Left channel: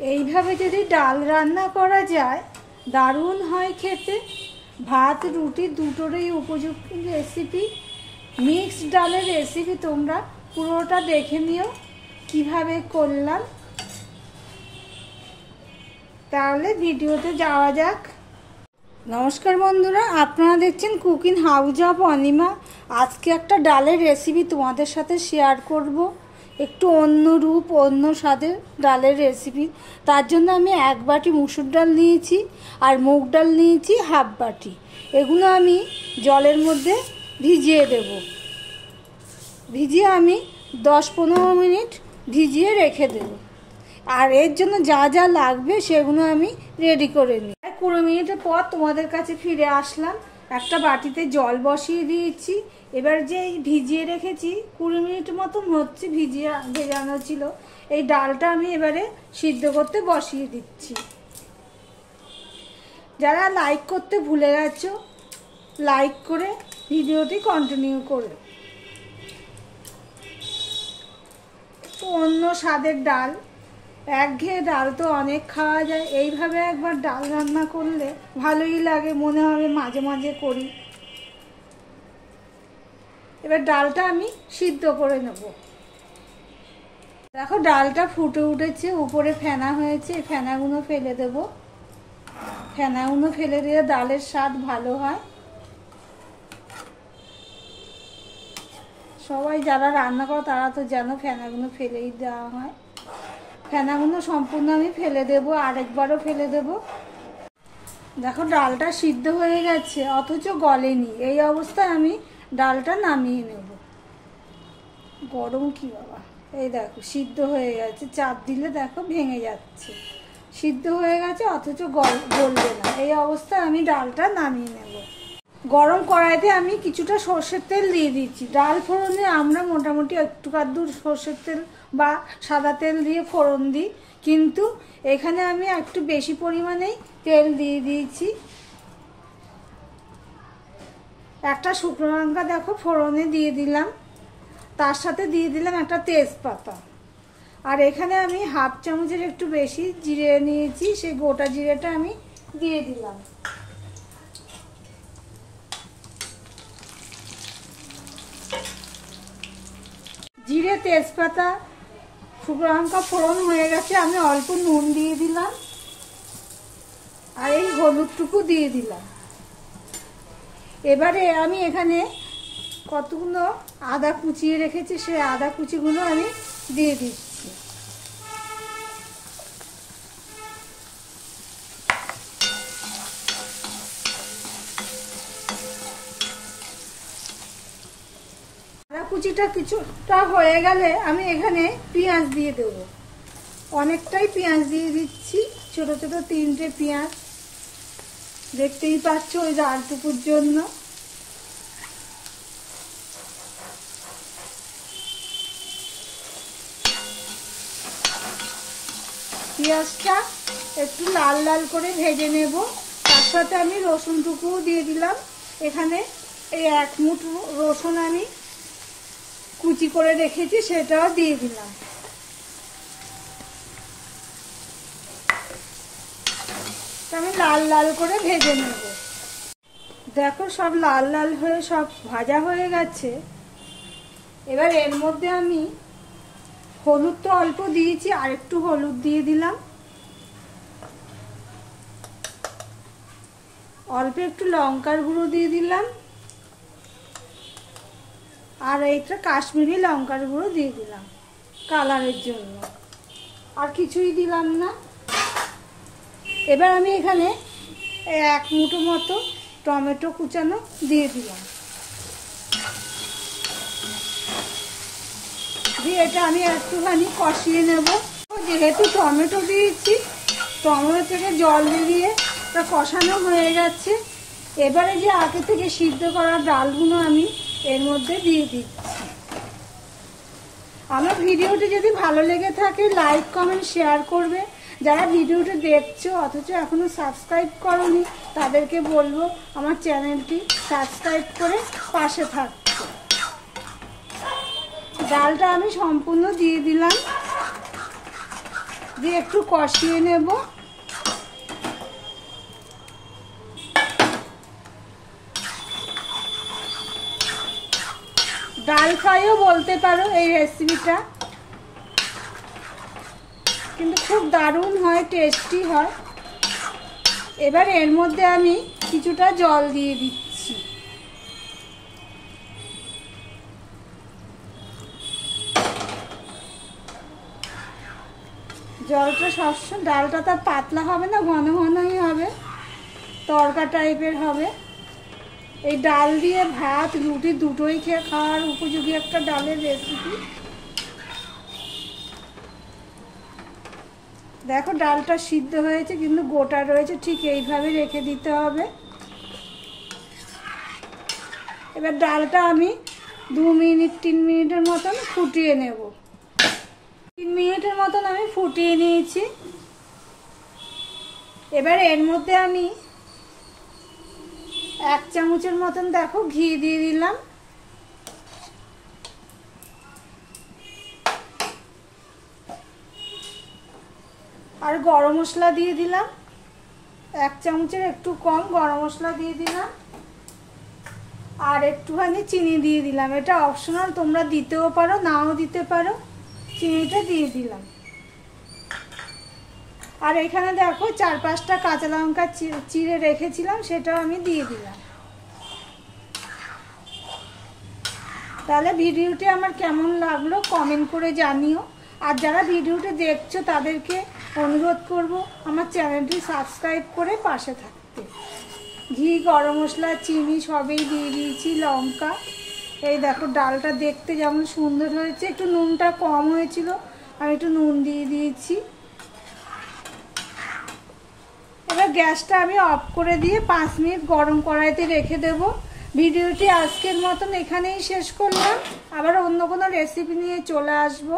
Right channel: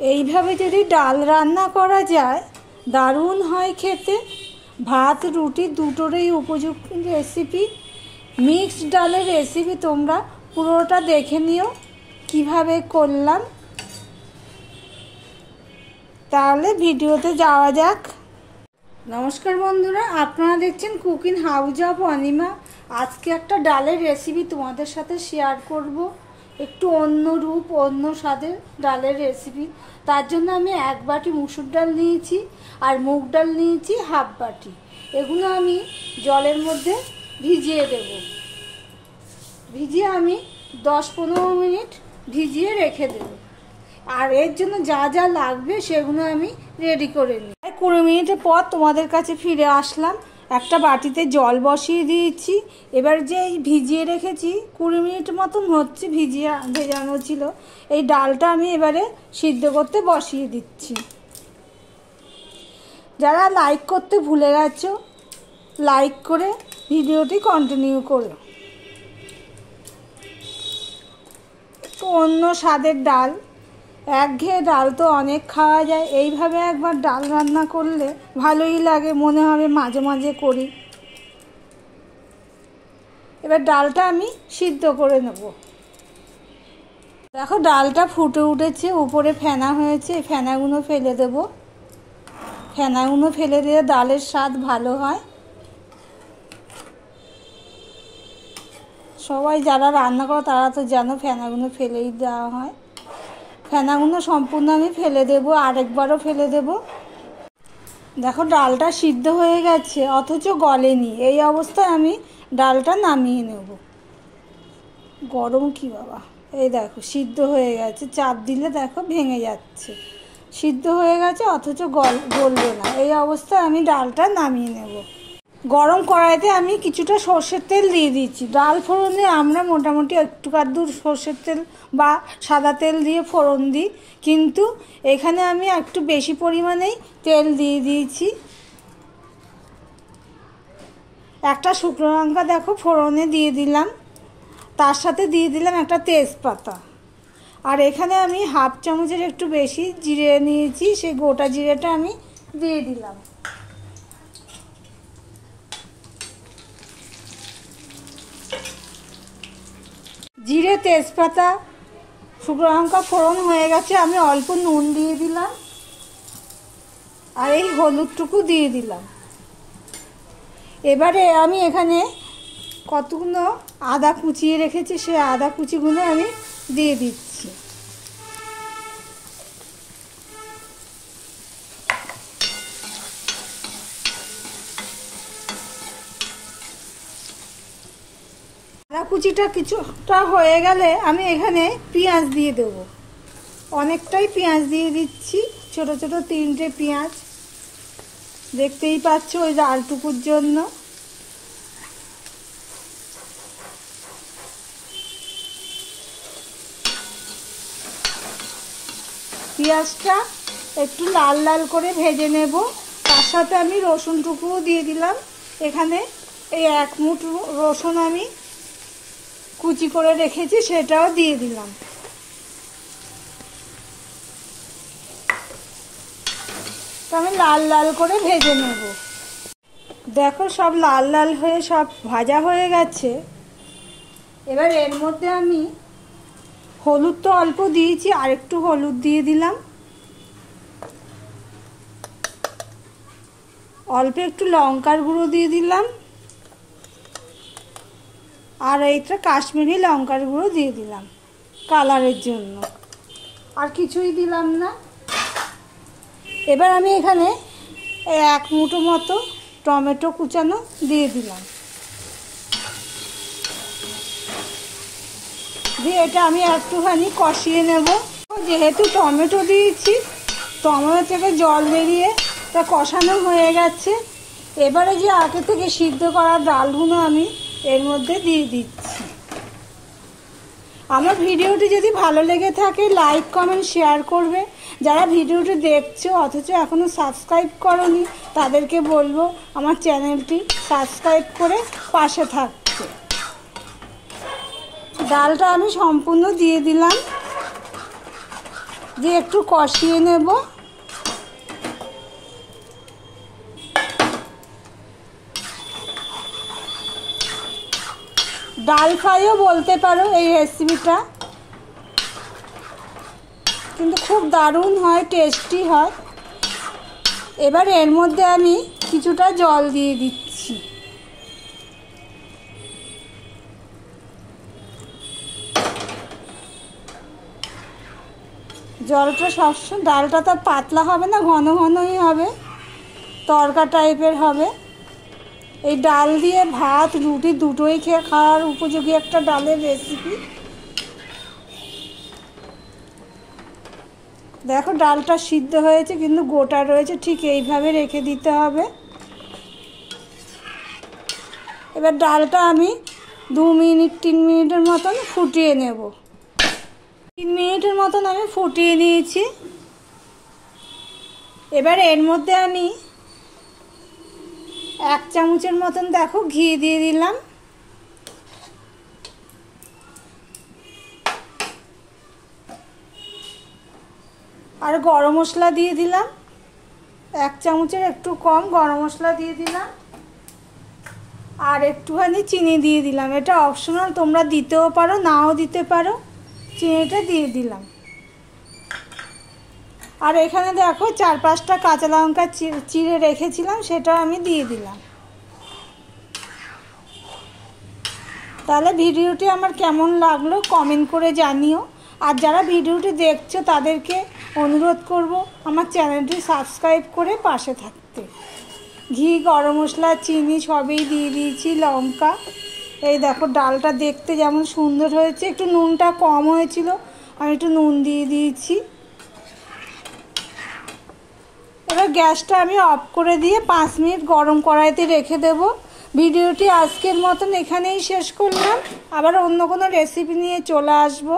এইভাবে যদি ডাল রান্না করা যায় দারুণ হয় খেতে। ভাত রুটি দুটোরই উপযুক্ত রেসিপি। মিক্সড ডালের রেসিপি তোমরা পুরোটা দেখে নিও কিভাবে করলাম। তাহলে ভিডিওতে যাওয়া যাক। নমস্কার বন্ধুরা, আপনারা দেখছেন কুকিং হাউস অফ অনিমা। আজকে একটা ডালের রেসিপি তোমাদের সাথে শেয়ার করব। একটু অন্য রূপ, অন্য স্বাদের ডালের রেসিপি। তার জন্য আমি 1 বাটি মুসুর ডাল নিয়েছি আর মুগ ডাল নিয়েছি হাফ বাটি। এগুলো আমি জলের মধ্যে ভিজিয়ে দেব। ভিজিয়ে আমি 10-15 মিনিট ভিজিয়ে রেখে দেব। আর এর জন্য যা যা লাগবে সেগুলো আমি রেডি করে নিই। 20 মিনিটের পর তোমাদের কাছে ফিরে আসলাম। একটা বাটিতে জল বসিয়ে দিয়েছি। এবার যে ভিজিয়ে রেখেছি 20 মিনিট মতন হচ্ছে, ভেজানো ছিল। এই ডালটা আমি এবারে সিদ্ধ করতে বসিয়ে দিচ্ছি। যারা লাইক করতে ভুলে গেছো লাইক করে ভিডিওটি কন্টিনিউ করো। একটু অন্য স্বাদের ডাল, একঘেয়ে ডাল তো অনেক খাওয়া যায়। এইভাবে একবার ডাল রান্না করলে ভালোই লাগে, মনে হবে মাঝে মাঝে করি। এবার ডালটা আমি সিদ্ধ করে নেব। দেখো ডালটা ফুটে উঠেছে, উপরে ফেনা হয়েছে। এই ফেনাগুলো ফেলে দেব। ফেনাগুলো ফেলে দিলে ডালের স্বাদ ভালো হয়। সবাই যারা রান্না করে তারা তো জানো ফেনাগুলো ফেলেই দেওয়া হয়। ফেনাগুলো সম্পূর্ণ আমি ফেলে দেবো, আরেকবারও ফেলে দেব। দেখো ডালটা সিদ্ধ হয়ে গেছে অথচ গলেনি। এই অবস্থায় আমি ডালটা নামিয়ে নেব। গরম কি বাবা! এই দেখো সিদ্ধ হয়ে গেছে, চাপ দিলে দেখো ভেঙে যাচ্ছে। সিদ্ধ হয়ে গেছে অথচ গলবে না। এই অবস্থায় আমি ডালটা নামিয়ে নেব। গরম কড়াইতে আমি কিছুটা সর্ষের তেল দিয়ে দিচ্ছি। ডাল ফোড়নে আমরা মোটামুটি একটু কাদ্দুর সর্ষের তেল বা সাদা তেল দিয়ে ফোড়ন দিই, কিন্তু এখানে আমি একটু বেশি পরিমাণেই তেল দিয়ে দিয়েছি। একটা শুকনো লঙ্কা দেখো ফোড়নে দিয়ে দিলাম, তার সাথে দিয়ে দিলাম একটা তেজপাতা। আর এখানে আমি হাফ চামচের একটু বেশি জিরে নিয়েছি, সেই গোটা জিরেটা আমি দিয়ে দিলাম। জিরে, তেজপাতা, শুকনো লঙ্কা ফোড়ন হয়ে গেছে। আমি অল্প নুন দিয়ে দিলাম আর এই হলুদটুকু দিয়ে দিলাম। এবারে আমি এখানে কতগুলো আদা কুচিয়ে রেখেছি, সেই আদা কুচিগুলো আমি দিয়ে দিচ্ছি। আদা কুচিটা কিছুটা হয়ে গেলে আমি এখানে পেঁয়াজ দিয়ে দেব। অনেকটাই পেঁয়াজ দিয়ে দিচ্ছি, ছোট ছোট 3টে পেঁয়াজ। দেখতেই পাচ্ছ ওই ডালটুকুর জন্য। পেঁয়াজটা একটু লাল লাল করে ভেজে নেব। তার সাথে আমি রসুনটুকুও দিয়ে দিলাম। এখানে এই 1 মুঠো রসুন আমি কুচি করে রেখেছি, সেটাও দিয়ে দিলাম। আমি লাল লাল করে ভেজে নেব। দেখো সব লাল লাল হয়ে সব ভাজা হয়ে গেছে। এবার এর মধ্যে আমি হলুদ তো অল্প দিয়েছি, আর একটু হলুদ দিয়ে দিলাম। অল্প একটু লঙ্কার গুঁড়ো দিয়ে দিলাম। আর এইটা কাশ্মীরি লঙ্কার গুঁড়ো দিয়ে দিলাম কালারের জন্য। আর কিছুই দিলাম না। এবার আমি এখানে 1 মুঠো মতো টমেটো কুচানো দিয়ে দিলাম। দিয়ে এটা আমি একটুখানি কষিয়ে নেব। যেহেতু টমেটো দিয়েছি, টমেটো থেকে জল বেরিয়ে তা কষানো হয়ে গেছে। এবারে যে আগে থেকে সিদ্ধ করা ডালগুলো আমি এর মধ্যে দিয়ে দিচ্ছি। আমার ভিডিওটি যদি ভালো লেগে থাকে লাইক কমেন্ট শেয়ার করবে। যারা ভিডিওটি দেখছো অথচ এখনো সাবস্ক্রাইব করোনি তাদেরকে বলবো আমার চ্যানেলটি সাবস্ক্রাইব করে পাশে থাকতে। ডালটা আমি সম্পূর্ণ দিয়ে দিলাম। দিয়ে একটু কষিয়ে নেব। ডাল ফ্রাইও বলতে পারো এই রেসিপিটা, কিন্তু খুব দারুণ হয়, টেস্টি হয়। এবার এর মধ্যে আমি কিছুটা জল দিয়ে দিচ্ছি। জলটা সবসময়, ডালটা তো পাতলা হবে না, ঘন ঘনই হবে, তরকা টাইপের হবে। এই ডাল দিয়ে ভাত রুটি দুটোই খেয়ে খাওয়ার উপযোগী একটা ডালের রেসিপি। দেখো ডালটা সিদ্ধ হয়েছে কিন্তু গোটা রয়েছে, ঠিক এইভাবে রেখে দিতে হবে। এবার ডালটা আমি 2 মিনিট 3 মিনিটের মতন ফুটিয়ে নেব। 3 মিনিটের মতন আমি ফুটিয়ে নিয়েছি। এবার এর মধ্যে আমি 1 চামচের মতন দেখো ঘি দিয়ে দিলাম। আর গরম মশলা দিয়ে দিলাম, 1 চামচের একটু কম গরম মশলা দিয়ে দিলাম। আর একটুখানি চিনি দিয়ে দিলাম, এটা অপশনাল, তোমরা দিতেও পারো নাও দিতে পারো। চিনিটা দিয়ে দিলাম। আর এখানে দেখো 4-5টা কাঁচা লঙ্কা চিড়ে রেখেছিলাম, সেটাও আমি দিয়ে দিলাম। তাহলে ভিডিওটি আমার কেমন লাগলো কমেন্ট করে জানিও। আর যারা ভিডিওটি দেখছো তাদেরকে অনুরোধ করব আমার চ্যানেলটি সাবস্ক্রাইব করে পাশে থাকতে। ঘি, গরম মশলা, চিনি সবই দিয়ে দিয়েছি, লঙ্কা। এই দেখো ডালটা দেখতে যেমন সুন্দর হয়েছে, একটু নুনটা কম হয়েছিল, আমি একটু নুন দিয়ে দিয়েছি। এবার গ্যাসটা আমি অফ করে দিয়ে 5 মিনিট গরম কড়াইতে রেখে দেব। ভিডিওটি আজকের মতন এখানেই শেষ করলাম, আবার অন্য কোনো রেসিপি নিয়ে চলে আসবো।